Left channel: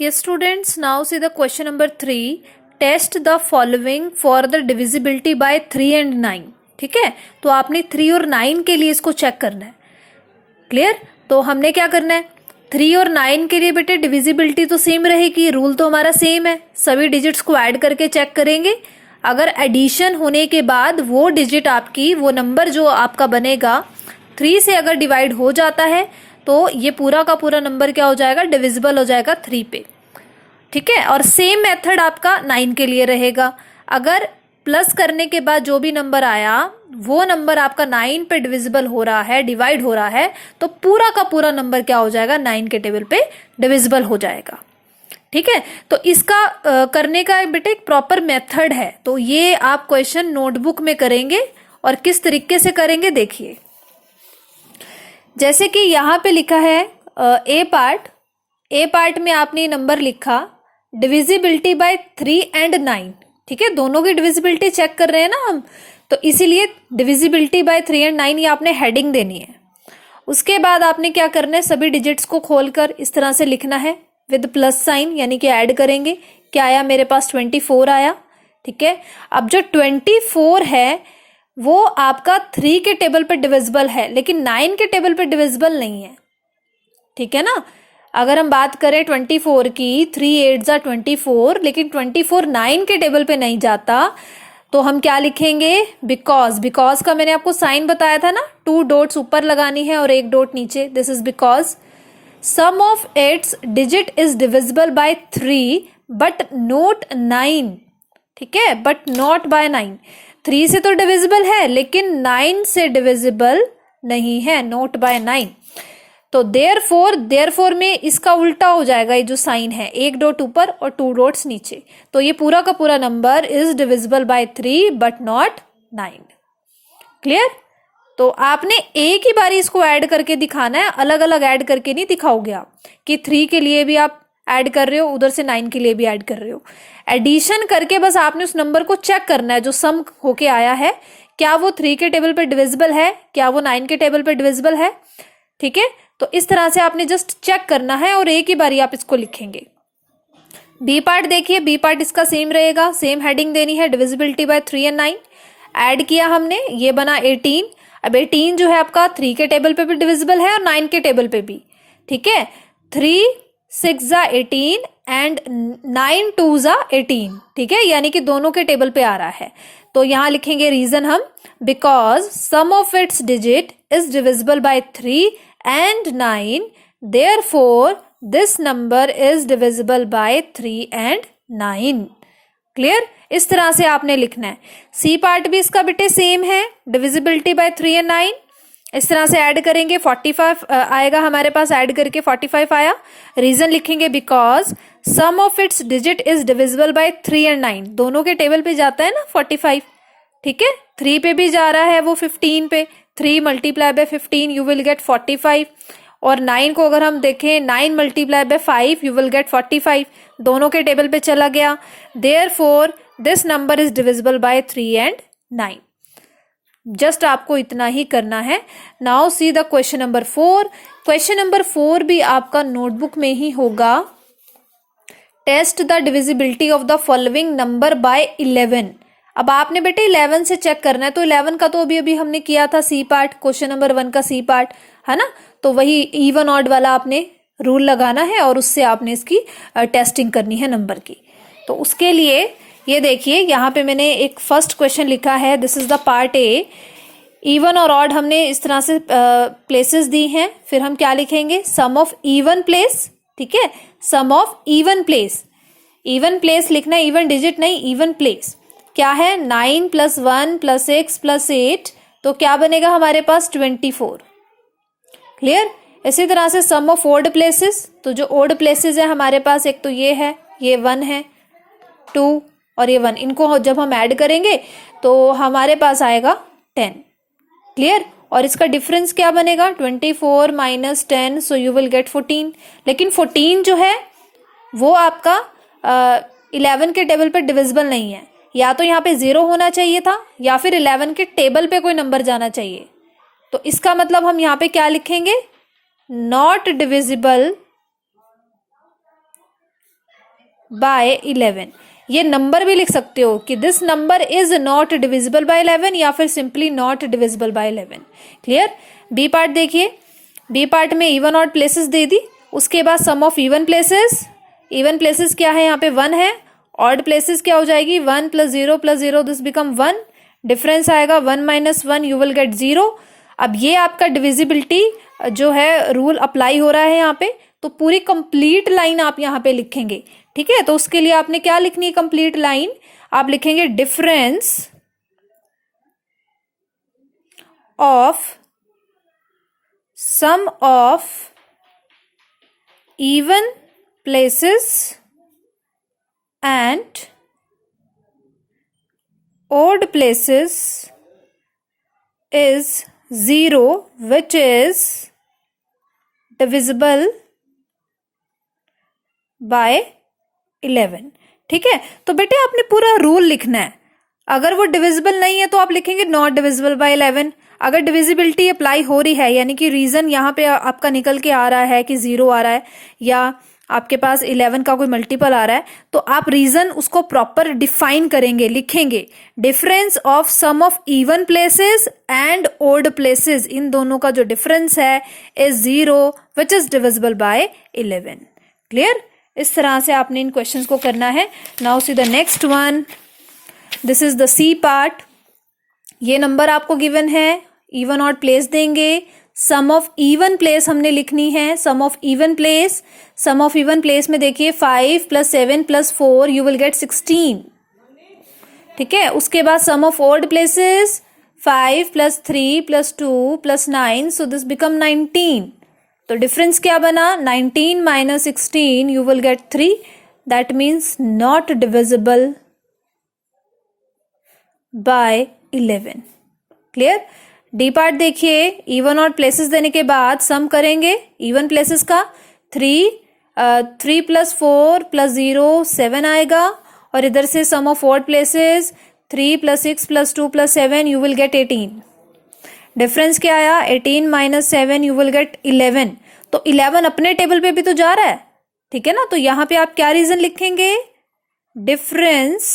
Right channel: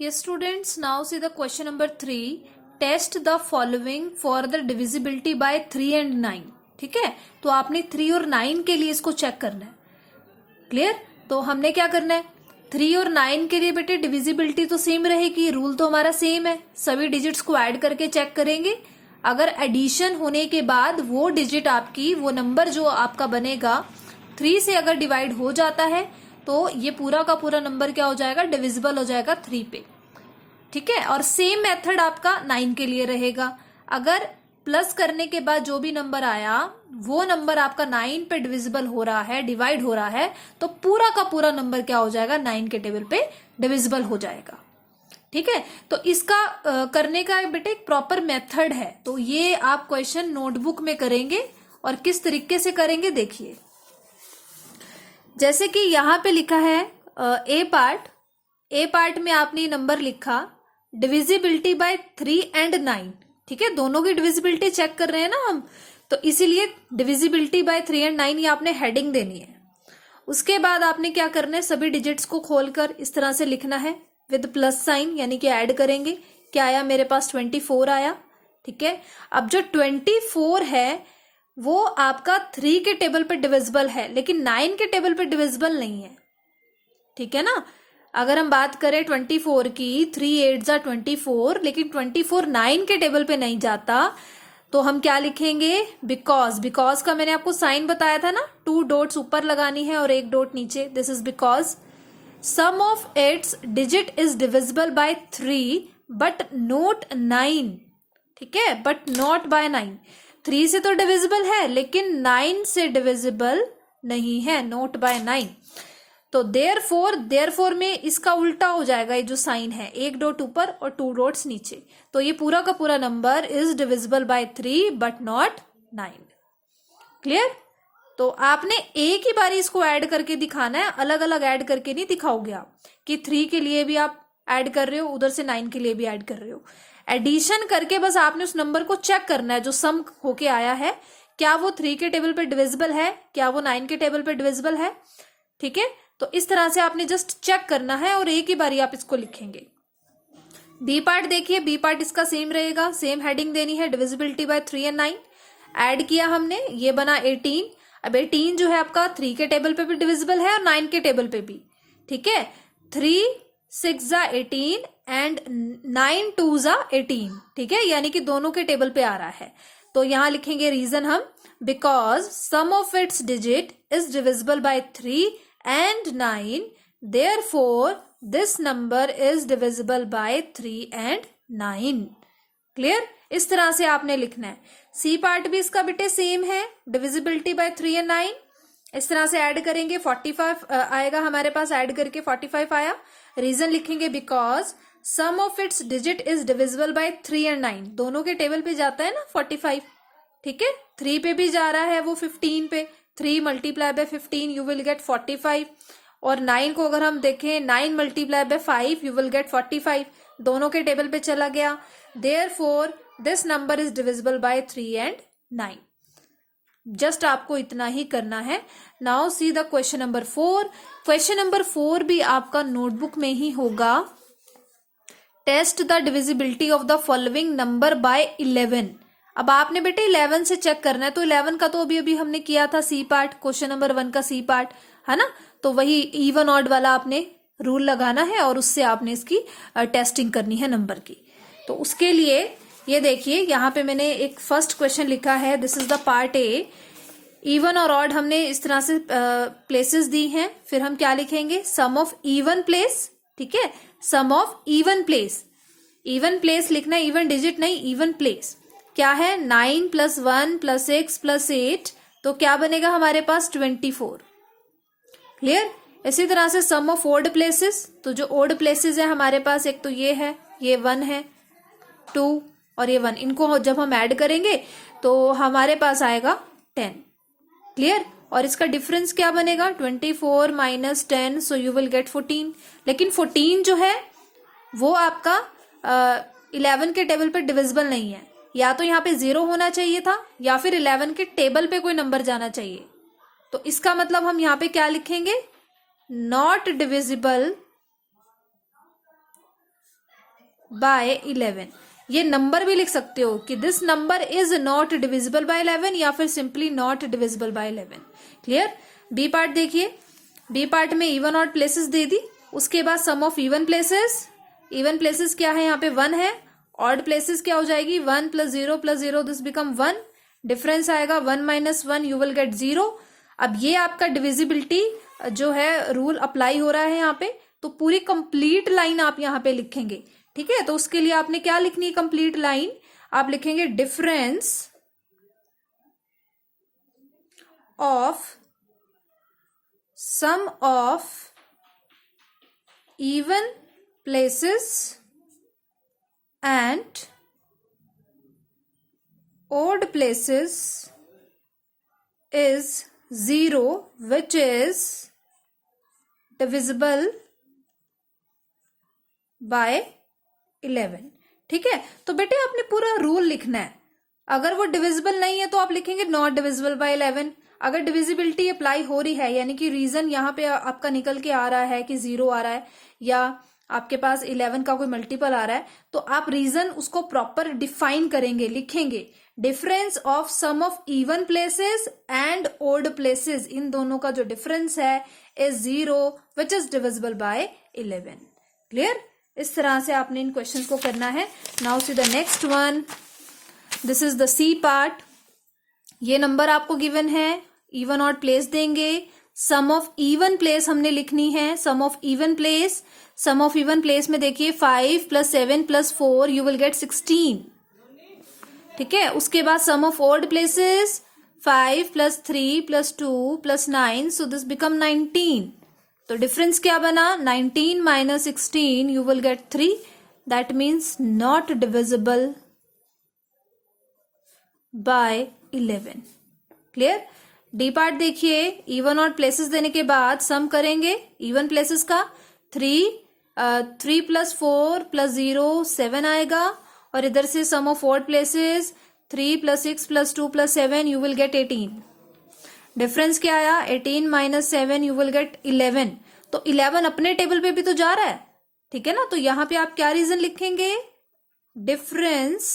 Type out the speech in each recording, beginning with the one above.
Yes, students, now see the question number 3. Test the following for the divisibility by 3 and 9. ठीक है, तो आपने 3 और 9 के लिए इसको चेक करना है. क्लियर? तो हमने क्या करना है, 3 और 9 के लिए बेटे डिविजिबिलिटी तो सेम रहेगी, रूल तो हमारा सेम है. सभी डिजिट्स को ऐड करके चेक करेंगे. अगर एडिशन होने के बाद वो डिजिट आपकी, वो नंबर जो आपका बनेगा 3 से अगर डिवाइड हो जाता है तो ये पूरा का पूरा नंबर क्या हो जाएगा, डिविजिबल हो जाएगा 3 पे. ठीक है, और सेम मेथड आपका 9 के लिए रहेगा. अगर प्लस करने के बाद जो भी नंबर आया वो नंबर आपका 9 पे डिविजिबल हो रहा है, डिवाइड हो रहा है, तो पूरा का पूरा नंबर क्या हो जाएगा, 9 के टेबल पे डिविजिबल हो जाएगा. ठीक है, तो इसका करने का बेटे एक प्रॉपर मेथड है. तो ये आप क्वेश्चन नोटबुक में करेंगे और किस तरीके से करेंगे देखिए. जैसे कि यहाँ पे लिखा है ए पार्ट में आपने नंबर लिखा डिविजिबिलिटी बाय 3 एंड 9. ठीक है, दोनों की डिविजिबिलिटी चेक कर रहे हैं ना हम, तो इसीलिए डिविजिबिलिटी बाय 3 एंड 9 ये आपने हेडिंग देनी है. उसके बाद आपने क्या करना है, सभी डिजिट्स को खोलकर इस तरह से लिखना है विद प्लस साइन, यानी कि ऐड करेंगे. क्या आया मेरे पास, 24 आया. ठीक है, अब जो 24 है वो आपका 3 के टेबल पे डिविजिबल है लेकिन 9 के टेबल पे डिविजिबल नहीं है. ठीक है ना, अगर हम बात करें 24 की, 3 8 जा 24, लेकिन 24 9 के टेबल पे नहीं जाता, तो हम क्या लिखेंगे, बिकॉज का मैंने आपको साइन बताया था ना, 2 डॉट्स ऊपर लगानी है और 1 डॉट नीचे. This is because sum of its digit is divisible by 3 but not 9. ठीक है, बट नॉट बाय 9. 3 से तो डिविजिबल है लेकिन 9 से डिविजिबल नहीं है, नॉट बाय 9. तो देयरफॉर में इसका उल्टा हो जाएगा, ये जो साइन है, 1 डॉट ऊपर और 2 डॉट्स नीचे. तो ये पूरा का पूरा number is divisible by 3 but not 9. Clear? तो आपने एक ही बारी इसको ऐड करके दिखाना है, अलग अलग ऐड करके नहीं दिखाओगे आप कि 3 के लिए भी आप ऐड कर रहे हो, उधर से 9 के लिए भी ऐड कर रहे हो. एडिशन करके बस आपने उस नंबर को चेक करना है जो सम होके आया है, क्या वो 3 के टेबल पे डिविजिबल है, क्या वो 9 के टेबल पे डिविजिबल है. ठीक है, तो इस तरह से आपने जस्ट चेक करना है और एक ही बारी आप इसको लिखेंगे. बी पार्ट देखिए, बी पार्ट इसका सेम रहेगा, सेम हेडिंग देनी है, डिविजिबिलिटी बाय 3 एंड 9. ऐड किया हमने, ये बना 18. अब 18 जो है आपका 3 के टेबल पे भी डिविजिबल है और 9 के टेबल पे भी. ठीक है, 3 6 जा 18 एंड 9 2 जा 18. ठीक है, यानी कि दोनों के टेबल पे आ रहा है. तो यहां लिखेंगे रीजन हम, because sum of its digit is divisible by 3 and 9, therefore this number is divisible by 3 and 9. Clear? इस तरह से आपने लिखना है. सी पार्ट भी इसका बेटे सेम है, डिविजिबिलिटी बाय 3 एंड 9. इस तरह से ऐड करेंगे, 45 आएगा हमारे पास, ऐड करके 45 आया. रीजन लिखेंगे because sum of its digit is divisible by 3 and 9. दोनों के टेबल पे जाता है ना 45. ठीक है, 3 पे भी जा रहा है वो 15 पे. 3 multiply by 15 you will get 45. और 9 को अगर हम देखें, 9 multiply by 5 you will get 45. दोनों के टेबल पे चला गया. Therefore this number is divisible by 3 and 9. Just आपको इतना ही करना है. Now see the question number 4. Question number 4 भी आपका नोटबुक में ही होगा. Test the divisibility of the following number by 11. अब आपने बेटे 11 से चेक करना है. तो 11 का तो अभी हमने किया था सी पार्ट, क्वेश्चन नंबर 1 का सी पार्ट है ना. तो वही इवन ऑड वाला आपने रूल लगाना है और उससे आपने इसकी टेस्टिंग करनी है नंबर की. तो उसके लिए ये देखिए, यहाँ पे मैंने एक फर्स्ट क्वेश्चन लिखा है, this is the part A. Even और ऑड हमने इस तरह से प्लेसेस दी हैं. फिर हम क्या लिखेंगे, सम ऑफ इवन प्लेस. ठीक है, sum of even place. Even place लिखना, इवन डिजिट नहीं, इवन प्लेस. क्या है, 9 + 1 + 6 + 8, तो क्या बनेगा हमारे पास, 24. क्लियर? इसी तरह से सम ऑफ ओड प्लेसेस. तो जो ओड प्लेसेस है हमारे पास, एक तो ये है, ये 1 है, 2 और ये 1, इनको जब हम ऐड करेंगे तो हमारे पास आएगा 10. क्लियर? और इसका डिफरेंस क्या बनेगा, 24 - 10, सो यू विल गेट 14. लेकिन 14 जो है वो आपका 11 के टेबल पे डिविजिबल नहीं है. या तो यहाँ पे 0 होना चाहिए था या फिर 11 के टेबल पे कोई नंबर जाना चाहिए. तो इसका मतलब हम यहाँ पे क्या लिखेंगे, नॉट डिविजिबल बाय 11। ये नंबर भी लिख सकते हो कि this number is not divisible by 11 या फिर simply not divisible by 11। Clear. B part देखिए, बी पार्ट में इवन ऑड प्लेसेस दे दी, उसके बाद सम ऑफ इवन प्लेसेस क्या है यहाँ पे 1 है, ऑड प्लेसेस क्या हो जाएगी 1 + 0 + 0 दिस बिकम 1, डिफरेंस आएगा 1 - 1 यू विल गेट 0। अब ये आपका डिविजिबिलिटी जो है रूल अप्लाई हो रहा है यहाँ पे, तो पूरी कंप्लीट लाइन आप यहाँ पे लिखेंगे। ठीक है, तो उसके लिए आपने क्या लिखनी है कंप्लीट लाइन, आप लिखेंगे difference of sum of even places and odd places is 0 which is divisible by 11। ठीक है, तो बेटे आपने पूरा रूल लिखना है। अगर वो डिविजिबल नहीं है तो आप लिखेंगे नॉट डिविजिबल बाय 11। अगर डिविजिबिलिटी अप्लाई हो रही है यानी कि रीजन यहाँ पे आपका निकल के आ रहा है कि 0 आ रहा है या आपके पास 11 का कोई मल्टीपल आ रहा है, तो आप रीजन उसको प्रॉपर डिफाइन करेंगे, लिखेंगे difference of sum of even places and odd places, इन दोनों का जो डिफरेंस है is 0 which is divisible by 11। Clear. इस तरह से आपने इन क्वेश्चंस को करना है। Now see the next one, this is the C part. ये नंबर आपको गिवन है, इवन ऑड प्लेस देंगे, सम ऑफ इवन प्लेस हमने लिखनी है, सम ऑफ इवन प्लेस में देखिए 5 + 7 + 4 यू विल गेट 16। ठीक है, उसके बाद sum of odd places 5 + 3 + 2 + 9 so this become 19। तो डिफरेंस क्या बना 19 - 16 you will get 3, that means not divisible by 11। Clear. D part देखिए, इवन ऑड प्लेसेस देने के बाद सम करेंगे इवन प्लेसेस का, 3 + 4 + 0 7 आएगा, और इधर से sum of odd places 3 + 6 + 2 + 7 you will get 18। Difference क्या आया 18 - 7 यू विल गेट 11। तो 11 अपने टेबल पे भी तो जा रहा है। ठीक है ना, तो यहां पे आप क्या रीजन लिखेंगे, difference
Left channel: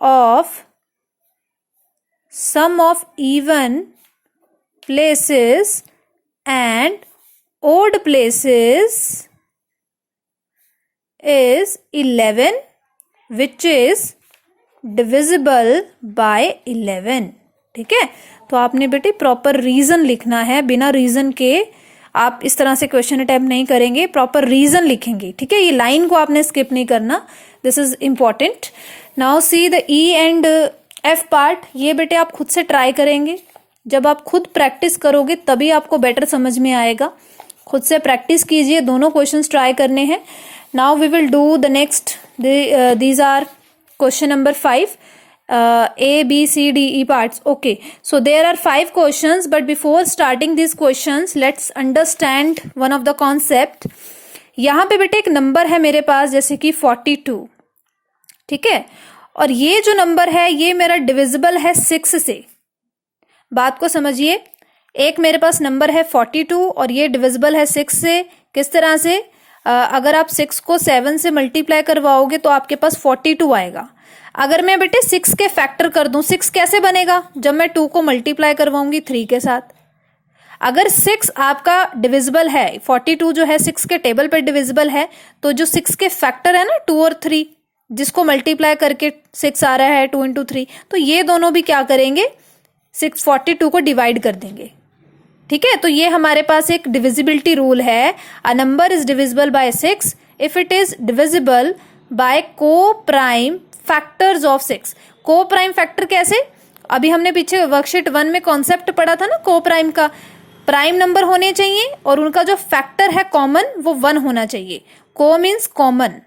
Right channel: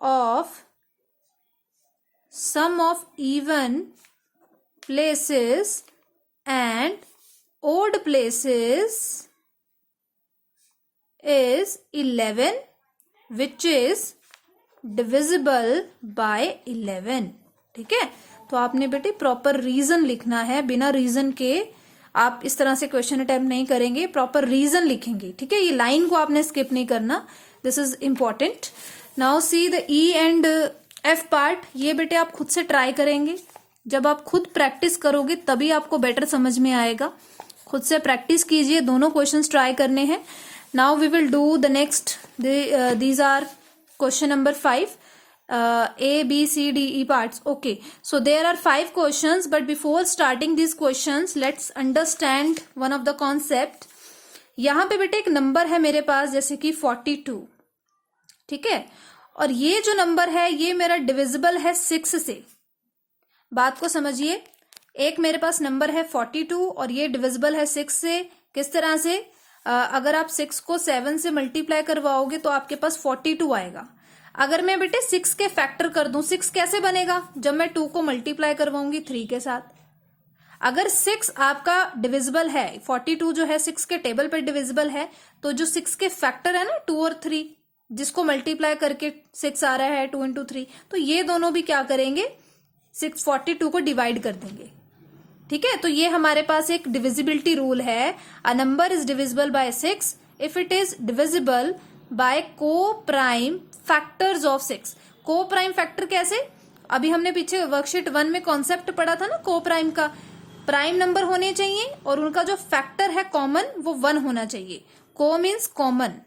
of sum of even places and odd places is 11 which is divisible by 11। ठीक है, तो आपने बेटे प्रॉपर रीजन लिखना है, बिना रीजन के आप इस तरह से क्वेश्चन अटेम्प्ट नहीं करेंगे, प्रॉपर रीजन लिखेंगे। ठीक है, ये लाइन को आपने स्किप नहीं करना, this is important. Now see the E and F part. ये बेटे आप खुद से ट्राई करेंगे, जब आप खुद प्रैक्टिस करोगे तभी आपको बेटर समझ में आएगा। खुद से प्रैक्टिस कीजिए, दोनों क्वेश्चंस ट्राई करने हैं। Now we will do the next, these are question number 5, A, B, C, D, E parts. Okay, so there are 5 questions, but before starting these questions, let's understand one of the concept. यहाँ पे बेटे एक number है मेरे पास जैसे कि 42। ठीक है, और ये जो नंबर है ये मेरा डिविजिबल है 6 से। बात को समझिए, एक मेरे पास नंबर है 42 और ये डिविजिबल है 6 से। किस तरह से, अगर आप 6 को 7 से मल्टीप्लाई करवाओगे तो आपके पास 42 आएगा। अगर मैं बेटे 6 के फैक्टर कर दूं, 6 कैसे बनेगा, जब मैं 2 को मल्टीप्लाई करवाऊंगी 3 के साथ। अगर 6 आपका डिविजिबल है, 42 जो है 6 के टेबल पे डिविजिबल है, तो जो 6 के फैक्टर है ना 2 और 3, जिसको मल्टीप्लाई करके 6 आ रहा है 2 × 3, तो ये दोनों भी क्या करेंगे 42 को डिवाइड कर देंगे। ठीक है, तो ये हमारे पास एक डिविजिबिलिटी रूल है, अ number is divisible by 6 if it is divisible bye को प्राइम फैक्टर्स ऑफ 6। को प्राइम फैक्टर कैसे, अभी हमने पीछे वर्कशीट 1 में कॉन्सेप्ट पढ़ा था ना, को प्राइम का। प्राइम नंबर होने चाहिए और उनका जो फैक्टर है कॉमन वो 1 होना चाहिए। को मीन्स कॉमन,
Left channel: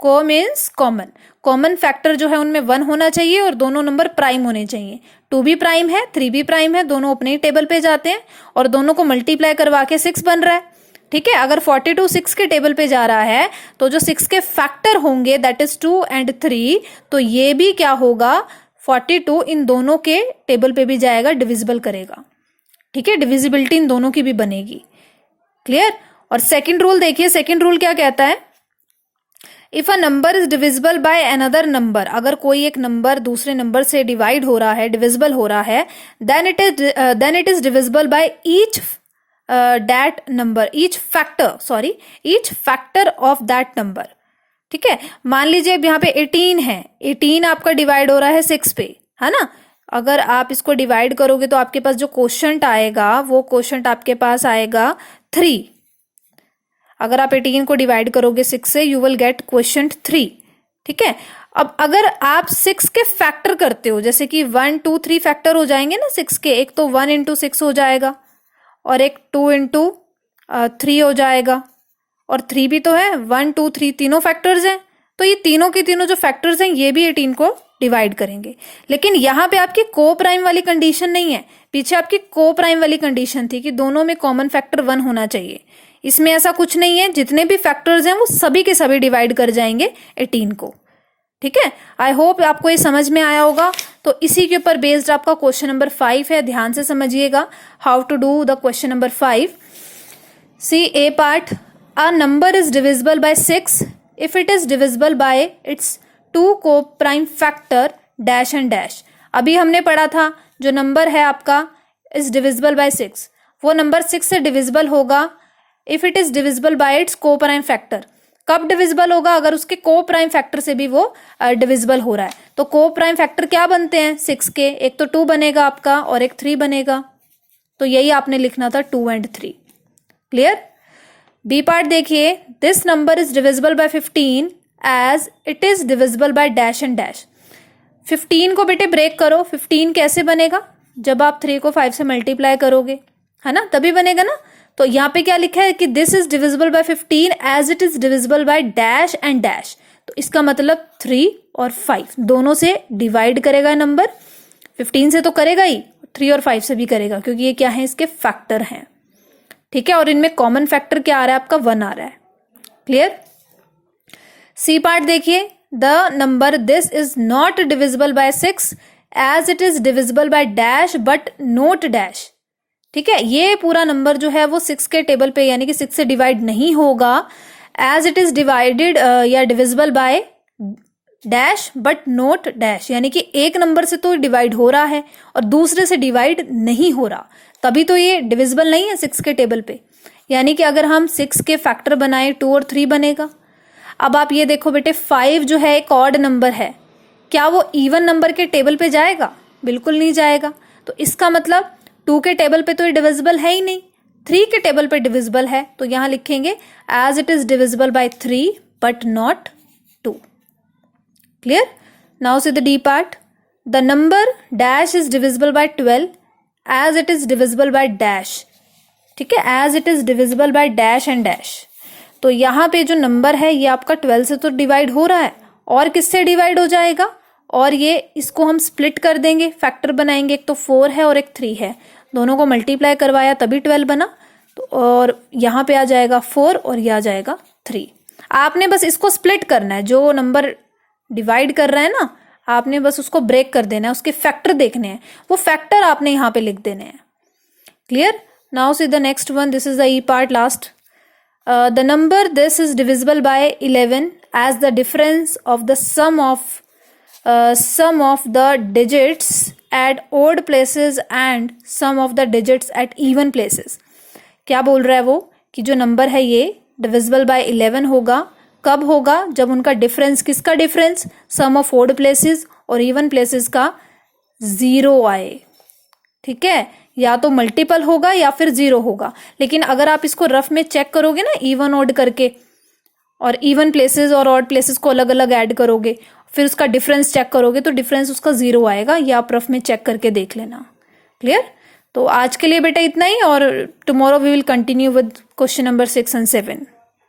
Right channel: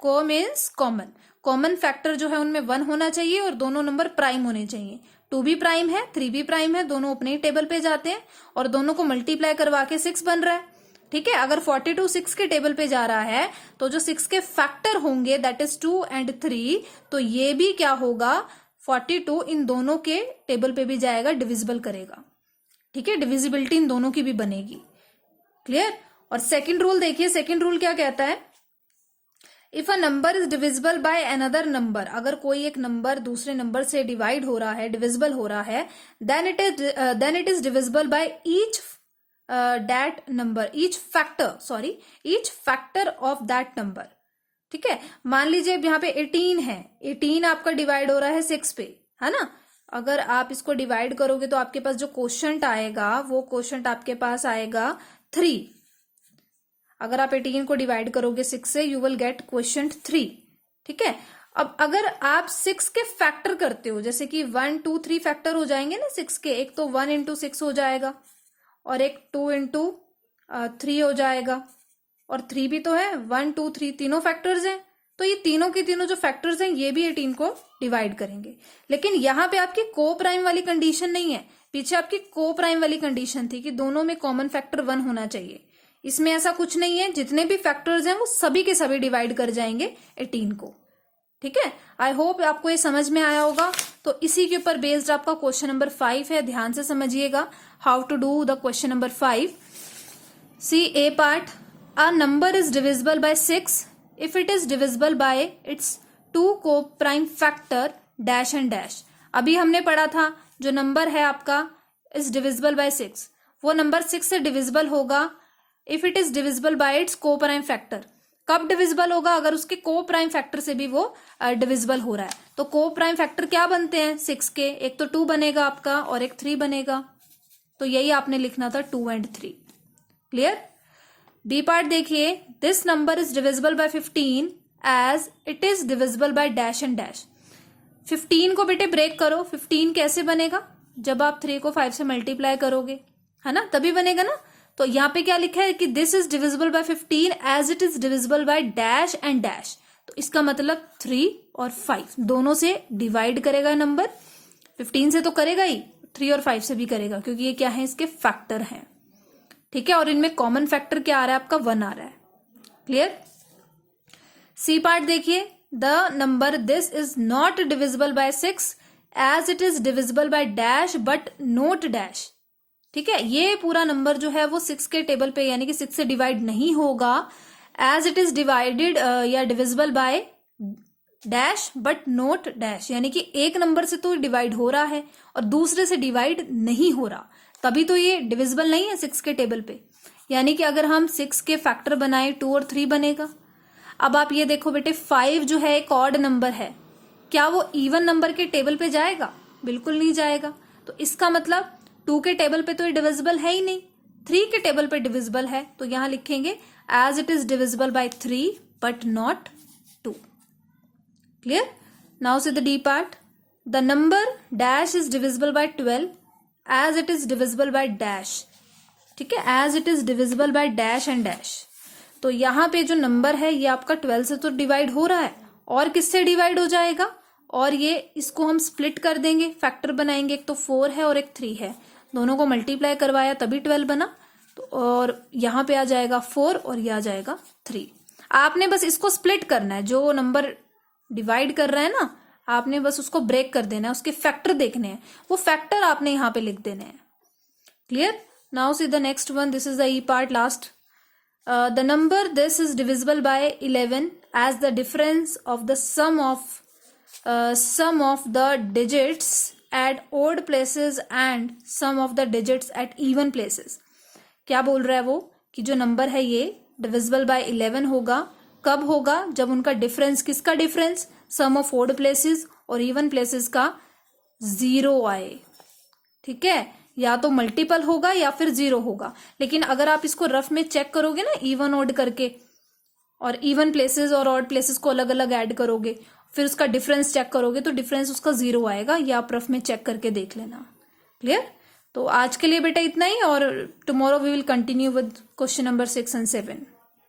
को मीन्स कॉमन, कॉमन फैक्टर जो है उनमें 1 होना चाहिए और दोनों नंबर प्राइम होने चाहिए। 2 भी प्राइम है, 3 भी प्राइम है, दोनों अपने ही टेबल पे जाते हैं और दोनों को मल्टीप्लाई करवा के 6 बन रहा है। ठीक है, अगर 42 6 के टेबल पे जा रहा है तो जो 6 के फैक्टर होंगे दैट इज 2 और 3, तो ये भी क्या होगा 42 इन दोनों के टेबल पे भी जाएगा, डिविजिबल करेगा। ठीक है, डिविजिबिलिटी इन दोनों की भी बनेगी। क्लियर। और सेकंड रूल देखिए, सेकंड रूल क्या कहता है, if a number is divisible by another number, अगर कोई एक नंबर दूसरे नंबर से डिवाइड हो रहा है, डिविजिबल हो रहा है, then it is divisible by each that number, each factor of that number. ठीक है, मान लीजिए अब यहाँ पे 18 है, 18 आपका डिवाइड हो रहा है 6 पे, है ना। अगर आप इसको डिवाइड करोगे तो आपके पास जो क्वोशंट आएगा वो क्वोशंट आपके पास आएगा 3। अगर आप 18 को डिवाइड करोगे 6 से, यू विल गेट क्वोशंट 3। ठीक है, अब अगर आप 6 के फैक्टर करते हो, जैसे कि 1 2 3 फैक्टर हो जाएंगे ना 6 के, एक तो 1 इंटू 6 हो जाएगा और एक 2 इंटू 3 हो जाएगा, और 3 भी तो है, 1 2 3 तीनों फैक्टर्स हैं, तो ये तीनों के तीनों जो फैक्टर्स हैं ये भी 18 को डिवाइड करेंगे। लेकिन यहाँ पे आपकी को प्राइम वाली कंडीशन नहीं है, पीछे आपकी को प्राइम वाली कंडीशन थी कि दोनों में कॉमन फैक्टर 1 होना चाहिए। इसमें ऐसा कुछ नहीं है, जितने भी फैक्टर्स हैं वो सभी के सभी डिवाइड कर जाएंगे 18 को। ठीक है, आई होप आपको ये समझ में आया होगा। तो इसी के ऊपर बेस्ड आपका क्वेश्चन नंबर 5 है, ध्यान से समझिएगा how to do the question number 5। See A part, a number is divisible by 6 if it is divisible by its 2 को prime factor dash and dash. अभी हमने पढ़ा था जो नंबर है आपका इज डिविजिबल बाय 6, वो नंबर 6 से डिविजिबल होगा if it is divisible by it's को प्राइम फैक्टर। कब डिविजिबल होगा, अगर उसके को प्राइम फैक्टर से भी वो डिविजिबल हो रहा है। तो को प्राइम फैक्टर क्या बनते हैं 6 के, एक तो 2 बनेगा आपका और एक 3 बनेगा, तो यही आपने लिखना था 2 and 3। क्लियर। बी पार्ट देखिए, this number is divisible by 15 as it is divisible by dash and dash. 15 को बेटे ब्रेक करो, 15 कैसे बनेगा, जब आप 3 को 5 से मल्टीप्लाई करोगे, है ना, तभी बनेगा ना। तो यहाँ पे क्या लिखा है कि this is divisible by 15 as it is divisible by dash and dash. तो इसका मतलब 3 और 5 दोनों से डिवाइड करेगा नंबर, 15 से तो करेगा ही, 3 और 5 से भी करेगा, क्योंकि ये क्या है, इसके फैक्टर हैं। ठीक है, और इनमें कॉमन फैक्टर क्या आ रहा है आपका, 1 आ रहा है। क्लियर। सी पार्ट देखिए, the number this is not divisible by 6 as it is divisible by dash but not dash. ठीक है, ये पूरा नंबर जो है वो 6 के टेबल पे यानी कि 6 से डिवाइड नहीं होगा, एज इट इज डिवाइडेड या divisible by dash but not dash, यानी कि एक नंबर से तो डिवाइड हो रहा है और दूसरे से डिवाइड नहीं हो रहा, तभी तो ये डिविजिबल नहीं है 6 के टेबल पे। यानी कि अगर हम 6 के फैक्टर बनाए 2 और 3 बनेगा। अब आप ये देखो बेटे, 5 जो है एक ऑड नंबर है, क्या वो इवन नंबर के टेबल पे जाएगा, बिल्कुल नहीं जाएगा। तो इसका मतलब 2 के टेबल पे तो ये डिविजिबल है ही नहीं, 3 के टेबल पे डिविजिबल है, तो यहां लिखेंगे as it is divisible by 3 but not 2। Clear. Now see the D part, the number dash is divisible by 12 as it is divisible by dash. ठीक है, as it is divisible by dash and dash. तो यहाँ पे जो number है ये आपका 12 से तो डिवाइड हो रहा है, और किससे डिवाइड हो जाएगा, और ये इसको हम स्प्लिट कर देंगे, फैक्टर बनाएंगे, एक तो 4 है और एक 3 है, दोनों को मल्टीप्लाई करवाया तभी 12 बना। तो और यहाँ पे आ जाएगा 4 और ये आ जाएगा 3। आपने बस इसको स्प्लिट करना है, जो नंबर डिवाइड कर रहा है ना, आपने बस उसको ब्रेक कर देना है, उसके फैक्टर देखने हैं, वो फैक्टर आपने यहाँ पे लिख देने हैं। Clear. Now see the next one, this is the E part last. The number this is divisible by 11 as the difference of the sum of the digits at odd places and sum of the digits at even places। क्या बोल रहा है वो, कि जो number है ये divisible by 11 होगा, कब होगा, जब उनका डिफरेंस, किसका difference, sum of odd places और इवन प्लेसेस का 0 आए। ठीक है, या तो मल्टीपल होगा या फिर 0 होगा। लेकिन अगर आप इसको रफ में चेक करोगे ना, इवन ओड करके, और इवन प्लेसेस और ऑड प्लेसेस को अलग अलग ऐड करोगे, फिर उसका डिफरेंस चेक करोगे तो डिफरेंस उसका 0 आएगा। ये आप रफ में चेक करके देख लेना। क्लियर। तो आज के लिए बेटा इतना ही, और tomorrow we will continue with question number 6 and 7।